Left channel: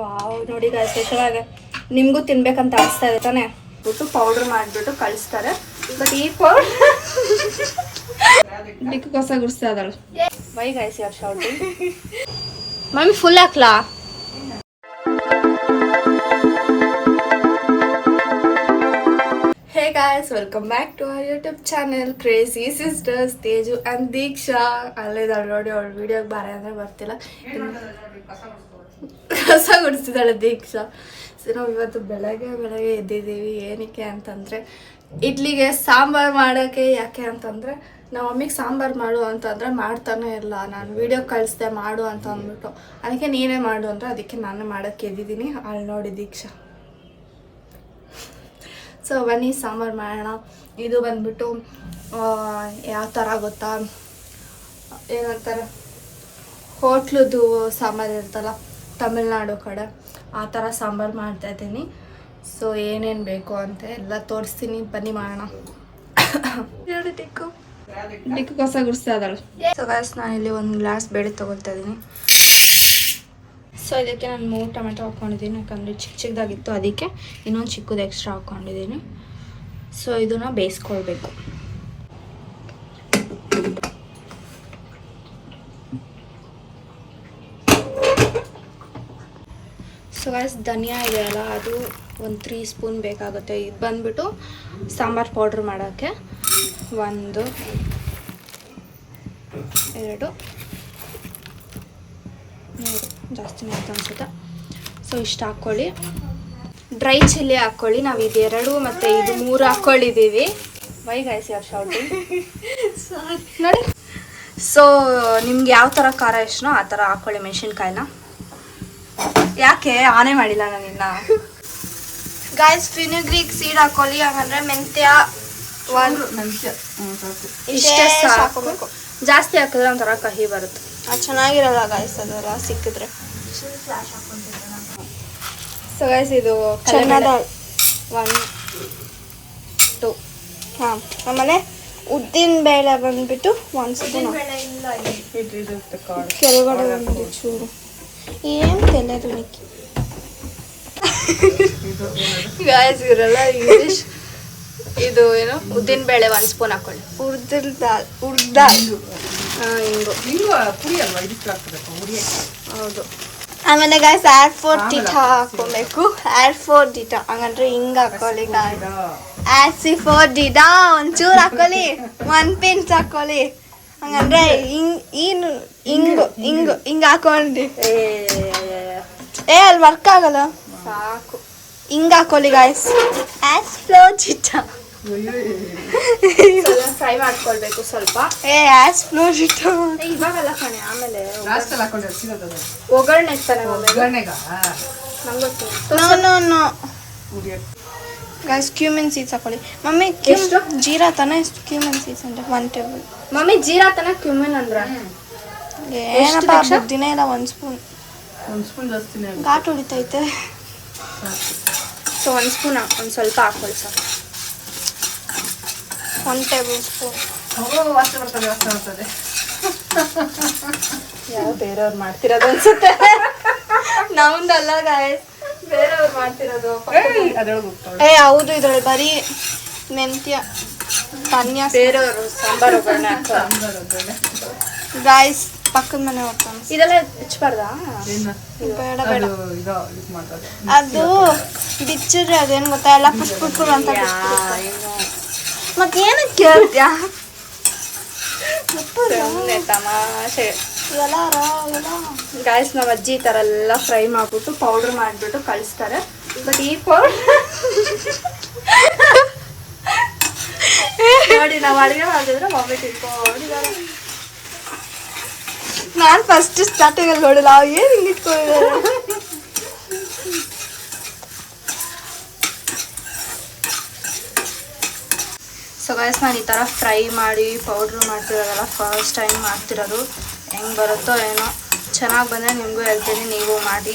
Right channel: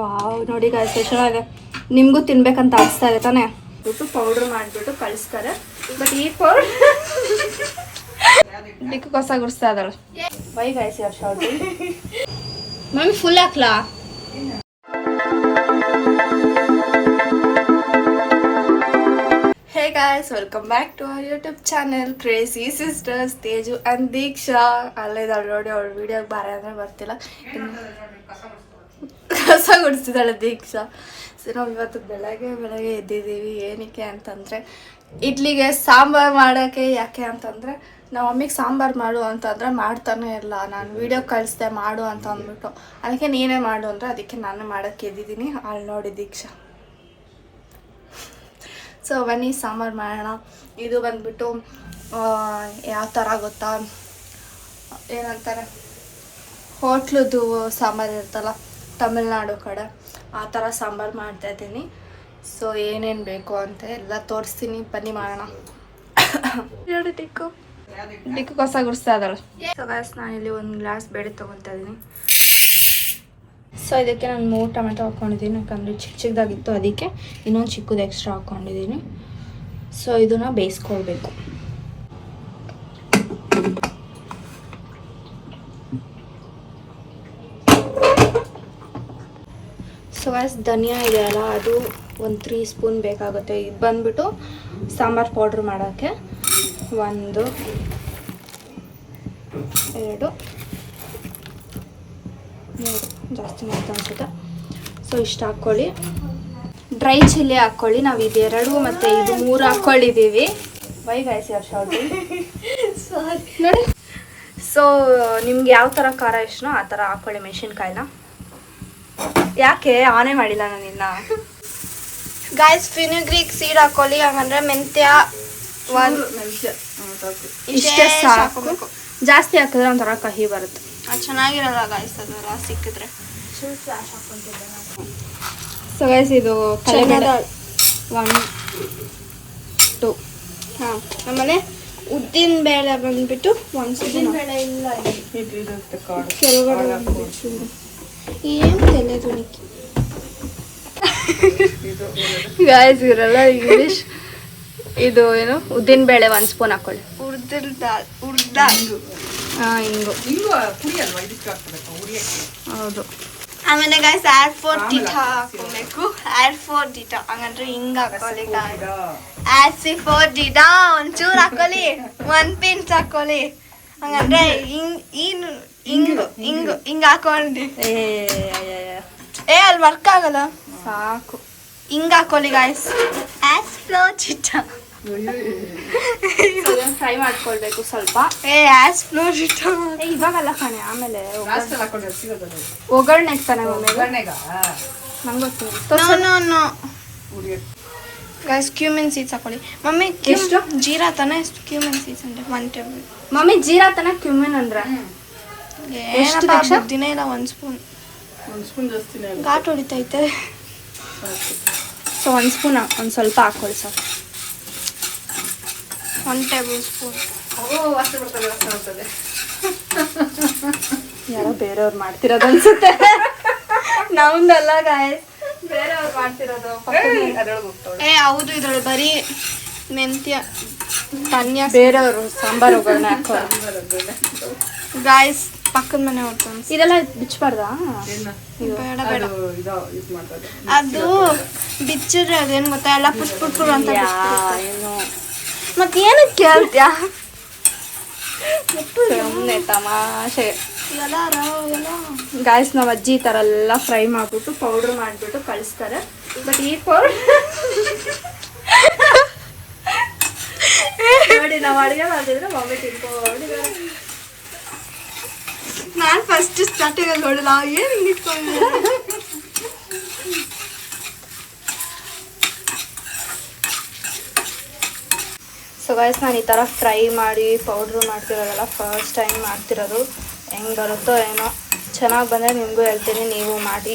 Wow ನೋಡಿ guys ಚೆನ್ನಾಗಿ ನಿಮಗೂ ತಿನ್ಬೇಕಂತ ಅನಿಸ್ತಾ ಇದೆ ತಾನೆ. ಬಿಟ್ಟು ಪೌಡ್ರ್ ಮಾಡಿಬಿಟ್ಟು ಕಳಿಸ್ತಾರೆ. ಬಟ್ ಈ ಪೌಡ್ರ್ ಡಿಕ್ಕು ಕಸ ಗುಡಿಸ್ತಾ ಇದ್ದಾಳೆ. ವೈ ಗಾಯ್ಸ್ ಯಾರು ಶೌಟಿಂಗ್ ಮಮ್ಮಿ ಫುಲ್ ಹಾಕ್ಲಾ? Hey guys, welcome back to our YouTube channel Crazy Sisters. Teju and ದೀಕ್ಷಾ ಅಲ್ಲಿದ್ದಾಳೆ ನೋಡಿ. ಅವಳು ವಿಡಿಯೋಗೆ ಬಾರೆ ಅಂದರೆ ಬರ್ತಿಲ್ಲ, ಕಸ ಗುಡಿಸ್ತಿದ್ದಾಳೆ ದೀಕ್ಷಾ. ಸೊ ನಾವು ಇವತ್ತು ಬೆಳಗ್ಗೆ ಎದ್ದಿದ್ದೀವಿ. ಏನಕ್ಕೆ ಅಂತಂದರೆ ಇಡ್ಲಿಗೆ ಸಾಂಬಾರು ಮಾಡೋಕ್ಕೆ. ಯಾಕೆ ಅಂತಂದರೆ ನಮ್ಮ ಮಮ್ಮಿಗೆ ಸಾಂಬಾರು ಮಾಡು ಅಂತಂದರೆ ಮಾಡ್ತಾನೆ ಇಲ್ಲ. ನಾನು ವೀಡಿಯೋ ಕಳಿಸ್ದೆ ಮಾಡು ಅಂತ ಅಂದ್ಬಿಟ್ಟು, ಅದಕ್ಕೆ ನೀನೇ ಮಾಡು ಅಂದರೆ ಅದಕ್ಕೆ ನಾನೇ ಮಾಡೋಕ್ಕೆ ಎದ್ದಿದ್ದೀನಿ. ಅಲ್ಲಿ ನೋಡಿ ದೀಕ್ಷಾ. ಸೊ ಬನ್ನಿ ಸಾಂಬಾರು ಮಾಡೋಣ. ಇದು ಬಂದ್ಬಿಟ್ಟು ಯಾವ ಥರ ಗೊತ್ತಾ, ಏನಂತಾರೆ ಹೋಟ್ಲದ್ದು ಸಾಂಬಾರು ಇರ್ತಲ್ಲ ತಮಿಳ್ನಾಡು ಕಡೆ, ಆ ಥರ ಸಾಂಬಾರು ಮಾಡ್ತಾಯಿದ್ದೀನಿ. ಸೊ ಏನೇನು ಬೇಕು ಅಂತ ಎಲ್ಲ ತೋರಿಸ್ತೀನಿ, ಬನ್ನಿ ಮಾಡೋಣ. ನೋಡಿ ಡಿಕ್ಕು ಕಸ ಗುಡಿಸ್ತಾ ಇದ್ದಾಳೆ. ಸೊ ಗಾಯ್ಸ್ ನಾನಿಲ್ಲಿ ಒಂದು ಗ್ಲಾಸ್ ಬೇಳೆ ತೊಗೊಳ್ತಾ ಇದ್ದೀನಿ. ಸೊ ಇದಕ್ಕೆ ನಾನು 3 ಟೊಮೆಟೊ ಹಾಕ್ಕೊಂಡಿದ್ದೀನಿ, ಯಾಕಂದರೆ ಚಿಕ್ಕದಾಗಿತ್ತು ಅದಕ್ಕೆ ಇನ್ನೊಂದು ಚಿಕ್ಕದು ಎಕ್ಸ್ಟ್ರಾ ಹಾಕ್ಕೊಂಡಿದ್ದೀನಿ. ಸೊ ಇದನ್ನು ಬೇಯಿಸ್ಕೊಳ್ಬೇಕು. ಸೊ ಗಾಯ್ಸ್ ಧನಿಯಾ ಇದೆಯಲ್ಲ ಅದು ಒಂದು 3 ಸ್ಪೂನ್ ಬೇಕಾಗುತ್ತೆ. ಇದು ಬಂದುಬಿಟ್ಟು ಸಾಂಬಾರು ಪೌಡ್ರ್ ಮಾಡೋಕ್ಕೆ 1 2 3 ಜಾಸ್ತಿ ಅಂತ ಅನ್ಸುತ್ತೆ. ಸೊ ಇಷ್ಟು ಹಾಕ್ಕೊಳ್ಳಿ. ಡ್ರೈ ಚಿಲ್ಲಿ ಹಾಕ್ಕೊಳ್ಳಿ. ನಾವು ಇದು 2 ಮತ್ತು ಇದು 3 ಹಾಕ್ಕೊಂಡಿದ್ದೀವಿ. ವೈ ಗಾಯ್ಸ್ ಯಾರು ಶೌಟಿಂಗ್ ನೋಡಿ. ಸೊ ನಿಮ್ಗೆ ಯಾವ ಥರ ಖಾರ ಇಷ್ಟನೋ ಆ ಥರ ಹಾಕ್ಕೊಳ್ಳಿ ಮೆಣಸಿನ್ಕಾಯಿನ. ಯಾಕೆ ಆನೆ ಮಾಡಿಲ್ಲ ನಾನು ಇನ್ನು. ಗಾಯ್ಸ್ ಫಿನಿಗ್ರೀಕ್ ಸೀಡ್ ಹಾಕ್ಕೊಳ್ಳಿ, ಹಾಗಂದ್ರೆ ಮೆಂತ್ಯ ಇಷ್ಟೇ ಹಾಕೋಬೇಕು. ಜಾಸ್ತಿ ಹಾಕಿದ್ರೆ ಒಂಥರ ಕಹಿ ಬರುತ್ತೆ, ಅದು ಚೆನ್ನಾಗಿರೋದ ಗಾಯ್ಸ್. ಅದೆಲ್ಲ ಸಿಕ್ಕಿದ್ರೆ. ಸೊ ಗೈಸ್ ಇದು 1 2 ಹಾಂ. ಆಮೇಲೆ ಉದ್ದಿನ ಬೇಳೆ ಬಂದ್ಬಿಟ್ಟು 1 ಸ್ಪೂನ್. ಕೆಳಗಡೆ ಬಂದ್ಬಿಟ್ಟು ಚೂರು ಏನು ತೆಲೆದು ಗಾಯ್ಸ್ ಇರಲ್ಲ ಇಂಗ್ಲೀಷ್. ಇದು ಏನು ಉದ್ದಿನ ಬೇಳೆ 1 ಸ್ಪೂನ್ ಹಾಕೊಳ್ಳಿ. ಉರ್ದಿನ ದಾಲ್ ಹಾಂ ಹಿಂಗು ಹೌದು. ಆಮೇಲೆ ಗಾಯ್ಸ್ ಆಡ್ ಫೋರ್ ಡಿಟಾ ಹಾಕೊಬೇಕು. ಆಡ್ ಫೋರ್ ಡಿಟಾ ಹಂಗಂದ್ರೆ ಹಿಂಗೆ ಹಾಕೊಳ್ಳಿ ಗಾಯ್ಸ್. ಆಡ್ ಸಿ ಫೋರ್ ಡಿಟಾ ಒಂಚೂರು ಹಾಕೊಳ್ಳಿ, 1 ಪಿಂಚ್ ಹಾಕೊಳ್ಳಿ. ಹಂಗಂದ್ರೆ ಹಿಂಗೆ ಹಾಕೊಂಡು ಅಲ್ಲಿ ವರ್ಕ್ ಆಗಲ್ಲ, ಸಾಕು. ಹಿಂಗೆ ಹಾಕೊಳ್ಳಿ ಗಾಯ್ಸ್. ಆಡ್ ಫ್ಲೋರ್ ಡಿಟಾ ಫ್ರೈ ಮಾಡ್ಕೊಳ್ಬೇಕು ಸ್ವಲ್ಪ. ಆಸ್ ಫ್ಲೋರ್ ಇಟ್ಟು ಇವಾಗಲ್ಲ ಕಣೆ, ಆಮೇಲೆ ಒಗ್ಗರಣೆ ನೋ ಗೈಸ್. ಕ್ಯೂಮಿನ್ ಸೀಡ್ಸ್ ಹಾಕೊಳ್ಳಿ ಮಮ್ಮಿ. ಎಷ್ಟು ಜೀರಾ ತಾನೆ, ಕ್ಯೂಮಿನ್ ಸೀಡ್ಸ್ ಅಂದ್ರೆ 1 ಟೇಬಲ್. ಮಮ್ಮಿ ಜೀರಾ ತಾನೆ ಕ್ಯೂಮಿನ್ ಅಂದ್ರೆ ಏನಪ್ಪ ಬುದ್ಧಿನೇ ಇಲ್ಲ. 1 ಸ್ಪೂನ್ ಜಾಸ್ತಿ ಘಾಟ್ ಹೊಡಿತೈತೆ. ಸೊ 1 ಸ್ಪೂನ್ ಒಂದು ಸ್ವಲ್ಪ ಹಾಕೊಳ್ಳಿ ಸರ್. 1 table spoon. ಯಾವ ಬೇರೆಯವ್ರು ಮಾಡ್ತಿರೋದು ಅನ್ಸುತ್ತೆ, ನಮ್ದಲ್ಲ ಗಾಯ್ಸ್, ಬೇರೆಯವ್ರು ಮಾಡ್ತಿರೋದು. ಹೌದು, ಇದ್ರೊಳಗೆ ಬರೀ ಮೆಂತ್ಯ ಧನ್ಯ ಬೇರೆಯವರು ಸಾಂಬಾರು ಗಾಯ್ಸ್. ಪಕ್ಕದ ಮನೆ ಹೋಗ್ತಾನೆ. ಇದೆಲ್ಲ ಬಿಚ್ಚಬಾರ್ದಾ? ಬೇಡ ಬೇಡ, ಅದು ಬಿಚ್ಚಿದ್ರೆ ಅದೇನು ಗೊತ್ತಾ, ಎಲ್ಲ ಪುಷ್ಪುರ್ ಅಂತ ಬಿಚ್ಚಿರುತ್ತೆ. ಮತ್ತೇನಕ್ಕೆ ಕೇಳ್ತ್ಯಾ? ತಮಾಷೆ ಗಾಯ್ಸ್. ನಾವು ಅಜ್ಜಿ ಈ ಥರ ಎಲ್ಲ ಫ್ರೈ ಮಾಡಿಬಿಟ್ಟು ಪೌಡ್ರ್ ಮಾಡಿಬಿಟ್ಟು ಕಳಿಸ್ತಾರೆ. ಬಟ್ ಈ ಪೌಡ್ರ್ ನೋಡಿ, ನಾವು ಅಡುಗೆ ಮಾಡಿದ್ರೆ ಮಮ್ಮಿ ತಿನ್ಕೊಂಡಿದ್ದಾರೆ. ನಾನು ಫಸ್ಟ್ ಸ್ಟಾರ್ಟಿಂಗಲ್ಲಿ ನೋಡಿಲ್ಲ, ಏನು ಹಿಂಗೆ ಇಟ್ಕೊಂಡಿದ್ದಾರೆ. ಸೊ ಗೈಸ್ ನಾನು ಈ ಥರ ಫ್ರೈ ಮಾಡಿ ಪೌಡ್ರು ಮಾಡ್ತಿರೋದಲ್ಲ ಫಸ್ಟ್ ಟೈಮ್ ಮಾಡ್ತಿರೋದು. ಹೆಂಗೆ ಬರುತ್ತೋ ಏನೋ, ಚೆನ್ನಾಗಿ ಬಂದರೆ ನಿಮಗೂ ಹೇಳ್ತೀನಿ, ನೀವು ಮಾಡಿ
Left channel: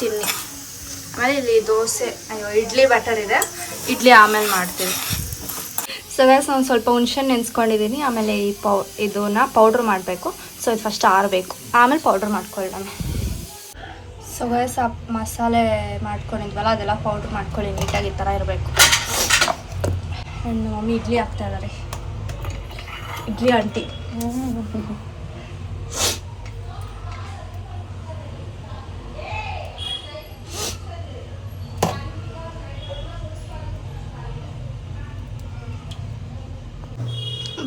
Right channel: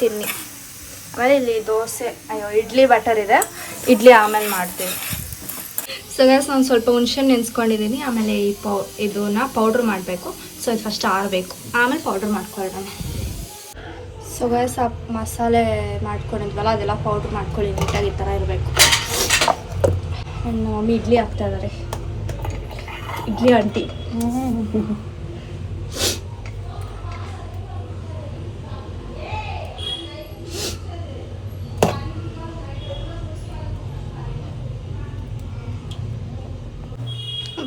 ತಿನ್ನಿ. ಆಮೇಲೆ ಇಲ್ಲಿ ದೋಸೆ ಇಡ್ಲಿ ಬ್ಯಾಟರ್ ಇದೆ, ಇಡ್ಲಿ ಆಮೇಲೆ ಮಾಡ್ತೀವಿ. ಸೊ ಗೈಸ್ ನಾನು ಸ್ವಲ್ಪ ಹುಣಸೆ ನೆನೆಸ್ಕೊಂಡಿದ್ದೀನಿ. ಆಮೇಲೆ ಇದನ್ನ ಪೌಡ್ರ್ ಮಾಡಬೇಕು. ಸೊ ಇದು ಫಸ್ಟ್ ಆರಬೇಕು, ಆಮೇಲೆ ಪೌಡ್ರ್ ಮಾಡ್ಕೊಳ್ಳೋಣ. ಸೊ ಗೈಸ್ ಆ ಮಸಾಲೆ ಮಾಡ್ಕೊಂಡಿದ್ವಲ್ಲ ಅದೆಲ್ಲ ಪೌಡ್ರ್ ಮಾಡ್ಕೊಳ್ಳಿ, ನೀಟಾಗಿ ಈ ಥರ ಇರಬೇಕು. ನನ್ನ ಮಮ್ಮಿ ಇಡ್ಲಿ ಹಾಕ್ತಾ ಇದ್ದಾರೆ, ಇಡ್ಲಿ ಆಂಟಿ.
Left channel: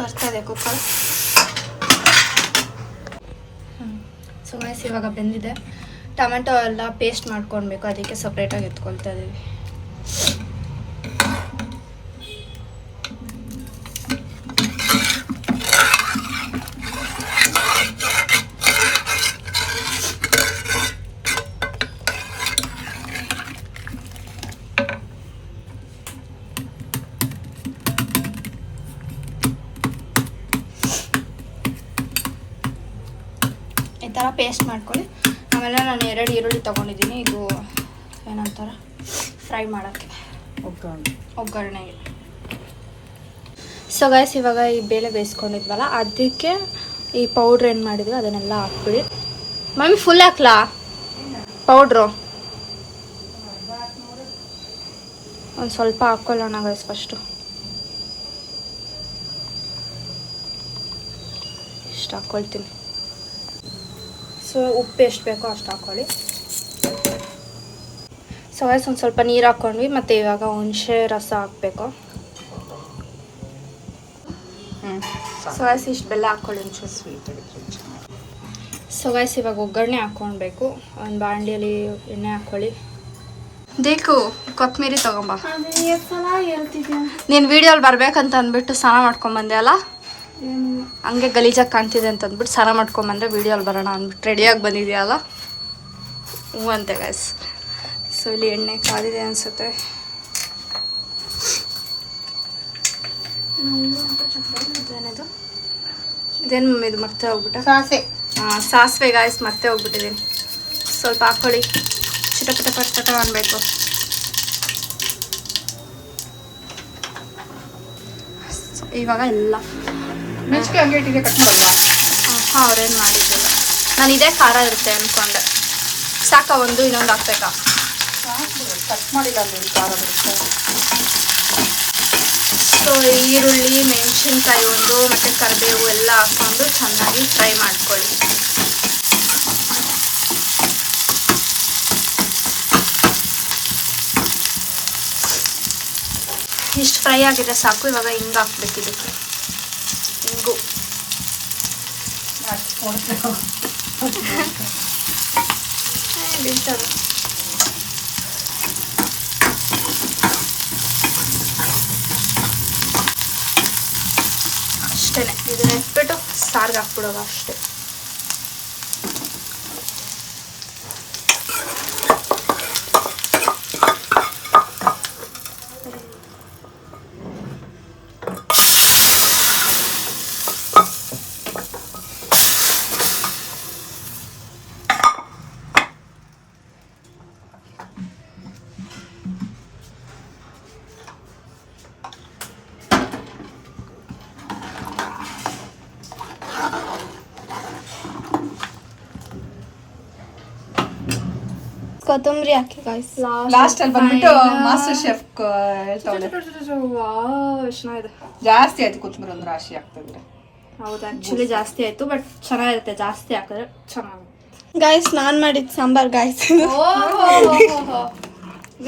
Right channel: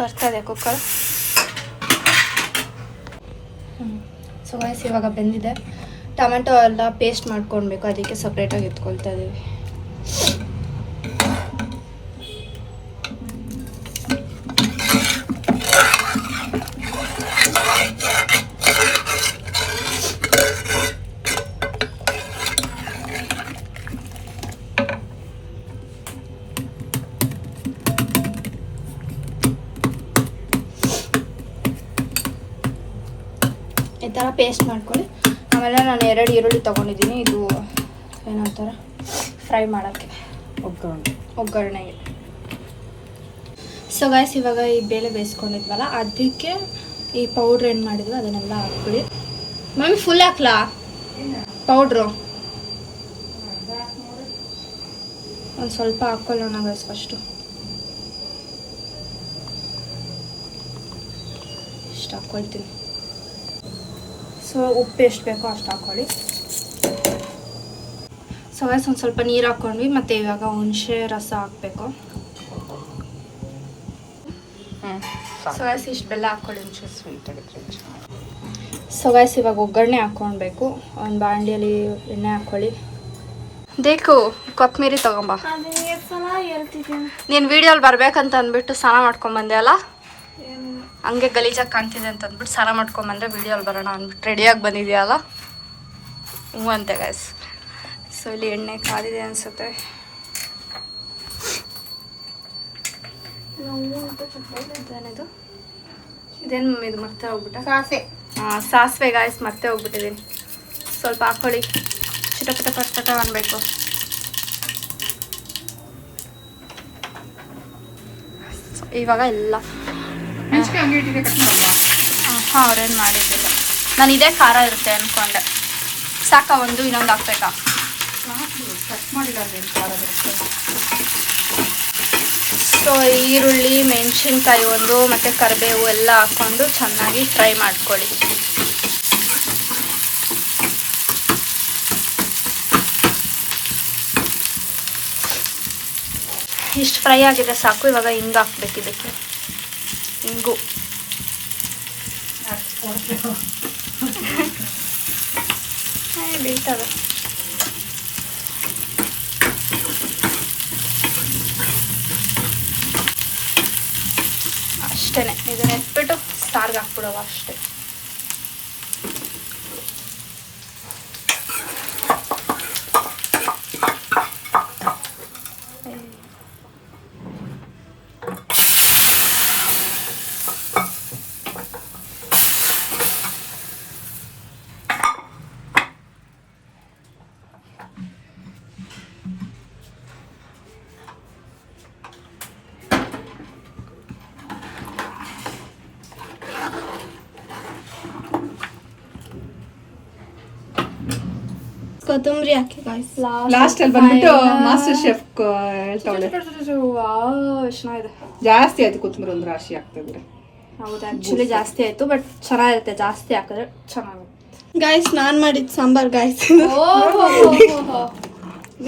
ಬರ್ತಾ ಇದೆ ಕುಕ್ಕರ್. ಸೊ ಗೈಸ್ ಇವಾಗ ಬೆಂದಿದೆ. ಟೊಮೆಟೊ ಎಲ್ಲ ಪೇಸ್ಟ್ ಮಾಡ್ಕೊಳ್ಬೇಕು, ಅದಕ್ಕೆ ಸಪ್ರೇಟಾಗಿ ಎತ್ಕೊಳ್ತಾ ಇದ್ದೀವಿ. ಈ ಥರ ಪೇಸ್ಟ್ ಮಾಡ್ಕೊಳ್ಳಿ. ಆಮೇಲೆ ನಾನು 2 ಈರುಳ್ಳಿ ತೊಗೊಂಡಿದ್ದೀನಿ, ಇದು ಏನಂತಾರೆ ಫ್ರೈ ಮಾಡೋಕ್ಕೆ, ಒಗ್ಗರಣೆಗೆ. ಸೊ ಗೈಸ್ ಇವಾಗ ಈ ಬೇಳೆ ಬೇಯಿಸ್ಕೊಂಡಿದ್ವಲ್ಲ ಅದಕ್ಕೆ ಈ ಪೌಡ್ರ್ ಏನು ಮಾಡಿದ್ವಿ ಅದನ್ನೆಲ್ಲ ಹಾಕ್ಬಿಡಿ. ಮಮ್ಮಿ ಫುಲ್ ಹಾಕ್ಲಾ ಪೌಡ್ರು? ಒಂದು ಸ್ವಲ್ಪ ಹಾಕ್ಕೊಳ್ಳೋಣ ಗೈಸ್ ಫಸ್ಟು. ಇಷ್ಟು ಹಾಕ್ಕೊಳ್ತೀನಿ. ಸೊ ಉಪ್ಪು ಎಷ್ಟು ಬೇಕೋ ಅಷ್ಟು ಹಾಕ್ಕೊಳ್ಳಿ. ಸೊ ಗೈಸ್ ಒಂದು ಸ್ವಲ್ಪ ನೀರು ಹಾಕ್ಕೊಂಡ್ವಿ, ಮತ್ತು ಇವಾಗ ಹುಣಸೆ ರಸ ಹಾಕಬೇಕು. ಸೊ ಗೈಸ್ ಇಷ್ಟು ಬೆಲ್ಲ ಹಾಕ್ಕೊಳ್ಳಿ, ಹುಣಸೆ ಸ್ವೀಟ್ ಆಗುತ್ತೆ. ಸೊ ಗೈಸ್ ಇವಾಗ ಒಗ್ಗರಣೆ ಹಾಕ್ಕೊಳ್ಬೇಕು. ಒಂದು ಬಾಣಲಿಯಲ್ಲಿ ಎಣ್ಣೆ ಹಾಕ್ಕೊಳ್ಳಿ. ದೇಕು ಕೊತ್ತಂಬರಿ ತೊಗೊಂಬ. ನೀನು ವೀಡಿಯೋಲಿ ಬರ್ಬೇಕಂತ ಅಂದ್ಬಿಟ್ಟು ಸ್ನಾನ ಮಾಡ್ಕೊಂಬಂದೆ ಅಲ್ಲ, ಹಂಗೆ ಗಲೀಜಾಗಿ ಕಾಣ್ತಿದೆ ಅಂತ ಅಂದ್ಬಿಟ್ಟು ಸ್ನಾನ ಮಾಡ್ಕೊಂಬಂದ್ರೆ ವೀಡಿಯೋಲಿ ಬರೋಣ ಅಂದ್ಬಿಟ್ಟು ರೆಡಿಯಾಗಿ ಬಂದಿದೆಯಲ್ಲ. ಹ್ಞೂ ಅಂತೆ ಗೈಸ್. ಸೊ ಇಲ್ಲಿ ಎಣ್ಣೆ ಕಾದಿದೆ ಅನಿಸುತ್ತೆ. ಇದೇನು ಮಮ್ಮಿ ಇದು ಮರ್ತೆ ಹೋಗ್ಬಿಟ್ಟ? ಸಾಸಿವೆ ಗಾಯ್ಸ್ ಮರ್ತೆ ಹೋಗ್ಬಿಟ್ಟಿದ್ದೀನಿ. ಸ್ವಲ್ಪ ಹಾಕ್ಕೊಳ್ಳಿ, ಚಿಟಪಟ ಪಟಪಟ ಅನ್ಬೇಕು. ಇವಾಗ ಎಲ್ಲ ಹಾಂ ಅವ್ರೇನು ಮಾಡಿದ್ದಿಲ್ಲ, ನಾನು ಇದೇ ಖಾರ ಇರುತ್ತೆ ಅಂದ್ಕೊಂಡೆ. ಸಾಕ ಒಂದು ಇನ್ನೊಂದು ಹಾಕ್ಬೇಕಾ? ಸೊ ಈರುಳ್ಳಿ ಮೆಣಸಿನ್ಕಾಯಿ ಒಂದು ಮತ್ತು ಕರಿಬೇವು ಎಲ್ಲ ಹಾಕ್ಕೊಂಡು ಚೆನ್ನಾಗಿ ಫ್ರೈ ಮಾಡ್ಕೊಳ್ಳಿ. ಇಷ್ಟು ಫ್ರೈ ಆಗಿದೆ ಸಾಕು. ಇವಾಗ ಹಿಂಗೆ ಹಾಕ್ಬೇಕು, ಇದಕ್ಕೆ ಹಿಂಗು ಬೀಳ್ತವೆ. ಅಷ್ಟೇ, ಇದನ್ನ ಎತ್ಬಿಟ್ಟು ಸಾರಿಗೆ ಹಾಕ್ಬಿಡೋವ ಅಷ್ಟೇ. ಕೊತ್ತಂಬರಿ ಹಾಕಿ ಗಾಯ್ಸ್ ಲಾಸ್ಟ್ ಅಲ್ಲಿ ಬಂದ್ಬಿಟ್ಟು ಮಾಸ್ಟರ್ ಶೆಫ್ ಹೇಳ್ತಾವಳೆ. ವಾವ್ ಚೆನ್ನಾಗಿದೆ. ಜಾಸ್ತಿ ಆಯ್ತು ಕೊತ್ತಂಬರಿ, ಒಂದು ರಾಶಿ ಹಾಕ್ತಿದ್ರೆ. ಹೌದು ಆ್ಯಕ್ಚುಲಿ ಜಾಸ್ತಿ ಆಯಿತು, ಬಟ್ ಚೆನ್ನಾಗಿರುತ್ತೆ ಜಾಸ್ತಿ ಹಾಕಿದ್ರೆ ಚೆನ್ನಾಗಿ. ಗಾಯ್ಸ್ ನಾನು ಮಾಡಿದ ಸಾಂಬಾರ್ ಗಾಯ್ಸ್,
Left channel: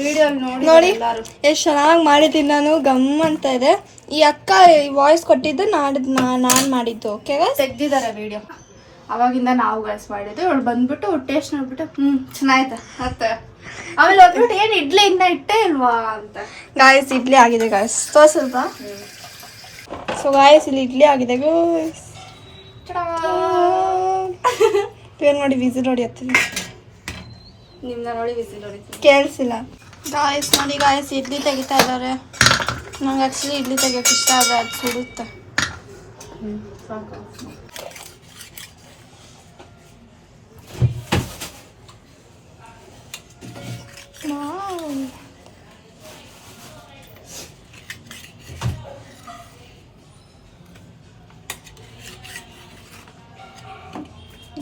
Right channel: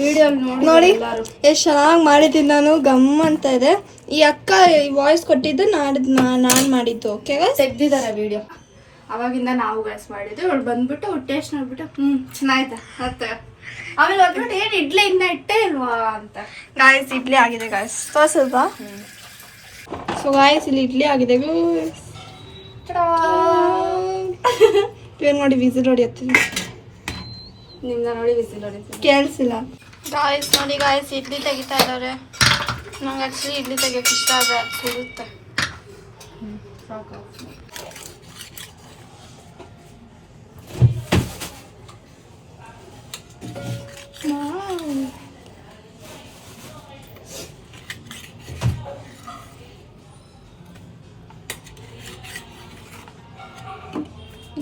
ವಿಡಿಯೋ ನೋಡಿ ಎಷ್ಟು ಚೆನ್ನಾಗಿ ಮಾಡಿದ್ದೀನಿ ನಾನು. ಗಮ್ ಅಂತ ಇದೆ. ಈ ಅಕ್ಕ ವಾಯ್ಸ್ ಕೊಟ್ಟಿದ್ದು ನಾನು ಮಾಡಿದ್ದು. ಓಕೆ ಗಾಯ್ಸ್ ತೆಗ್ದಿದ್ದಾರೆ ವಿಡಿಯೋ, ಅವಾಗಿಂದ ನಾವು ಗಾಯ್ಸ್ ಮಾಡಿದ್ದು. ಅವಳು ಬಂದ್ಬಿಟ್ಟು ಟೇಸ್ಟ್ ನೋಡ್ಬಿಟ್ಟು ಚೆನ್ನಾಯ್ತಾ ಮತ್ತೆ ಆಮೇಲೆ ಬಂದ್ಬಿಟ್ಟು ಏನು ಇಡ್ಲಿ ಇನ್ನ ಇಟ್ಟೇ ಇಲ್ವಾ ಅಂತ. ಗಾಯ್ಸ್ ಇಡ್ಲಿ ಆಗಿದೆ ಗಾಯ್ಸ್, ತೋರ್ಸಲ್ವಾ? ಸೊ ಗಾಯ್ಸ್ ಇಲ್ಲಿ ಇಡ್ಲಿ ಆಗಿದೆ ಗಾಯ್ಸ್. ಇವ್ರು ನೋಡಿ ವಿಸಿಲ್ ಹೊಡಿಯತ್ತೀವಿ, ನಿಮ್ನ ನೋಡಿ ವಿಸಿಲ್ ಹೊಡಿತೀವಿ, ಕೇಳಿಸಿಲ್ಲ ಗಾಯ್ಸ್. ನೋಡಿ ಗಾಯ್ಸ್ ಇಡ್ಲಿ ತೆಗಿತಾ ಇದ್ದಾರೆ. ನಂಗೆ ಆ್ಯಕ್ಚುಲಿ ಇಡ್ಲಿ ತೆಗಿಯೋಕೆ ಇಷ್ಟ ಆದರೆ ಅದು ಸುಡುತ್ತೆ.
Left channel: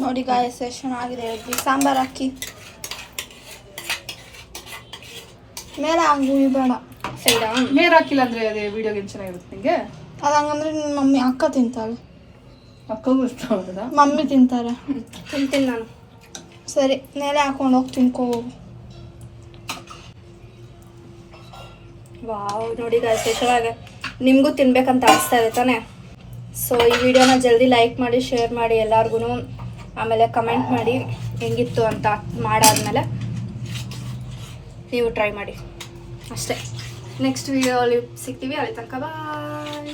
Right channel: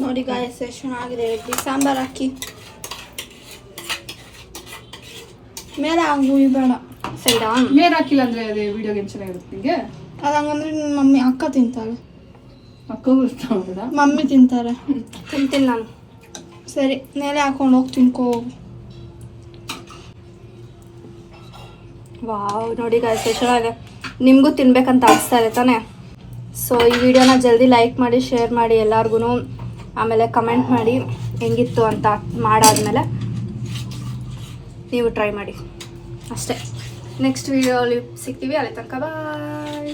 ನೋಡಿ ಗಾಯ್ಸ್ ಎಷ್ಟು ಚೆನ್ನಾಗಿದೆ ಇಡ್ಲಿ. ಸಾಂಬಾರು ಹಾಕಿ ಮೇಲೆ ಹಂಗು ಬೇಡ ಸೈಡಾ ಮೇರ್ ಹಾಕಿಲ್ಲ ಅಂದ್ರೆ ಅದೇ ವಿಡಿಯೋ ಗೇಮ್ ಚೆನ್ನಾಗಿರುತ್ತೆ ನಿಂಗೆ. ಅದು ಹಂಗಂದ್ರೆ ನಿಮ್ಮ ಮಮ್ಮಿ ಅಕ್ಕ ತಿಂತಾಳೆ, ಅಕ್ಕಗೂ ಇಷ್ಟ ಹೌದಾ? ಮಮ್ಮಿ ತಿಂತಾರೆ. ತಿಂತೀನಿ ನಾನು. ಸರಿ ಮೇಲೆ ಹಾಕೊಂಡು ಹೋಗಿ ತಿನ್ಕೋ. ವಾವ್ ನೋಡಿ ಗಾಯ್ಸ್ ಎಷ್ಟು ಚೆನ್ನಾಗಿದೆ. ನಿಮಗೂ ತಿನ್ಬೇಕಂತ ಅನಿಸ್ತಾ ಇದೆ ತಾನೇ? ಸೊ ಈ ವಿಡಿಯೋನ ಜಲ್ದಿ ಲೈಕ್ ಮಾಡಿ ಶೇರ್ ಮಾಡಿ ಎಲ್ಲರಿಗೂ. ಆಮೇಲೆ ಕಮೆಂಟ್ ಮಾಡಿ ಹೆಂಗಿತ್ತು ಅಂತ. ಮಾಡಾದ್ಮೇಲೆ ನೀವು ಟ್ರೈ ಮಾಡಿ ಅಷ್ಟೇ. ನೆಕ್ಸ್ಟ್ ವಿಡಿಯೋಲಿ ಸಿಗ್ತೀವಿ. ಅಲ್ಲಿ ತನಕ ಬಾಯ್.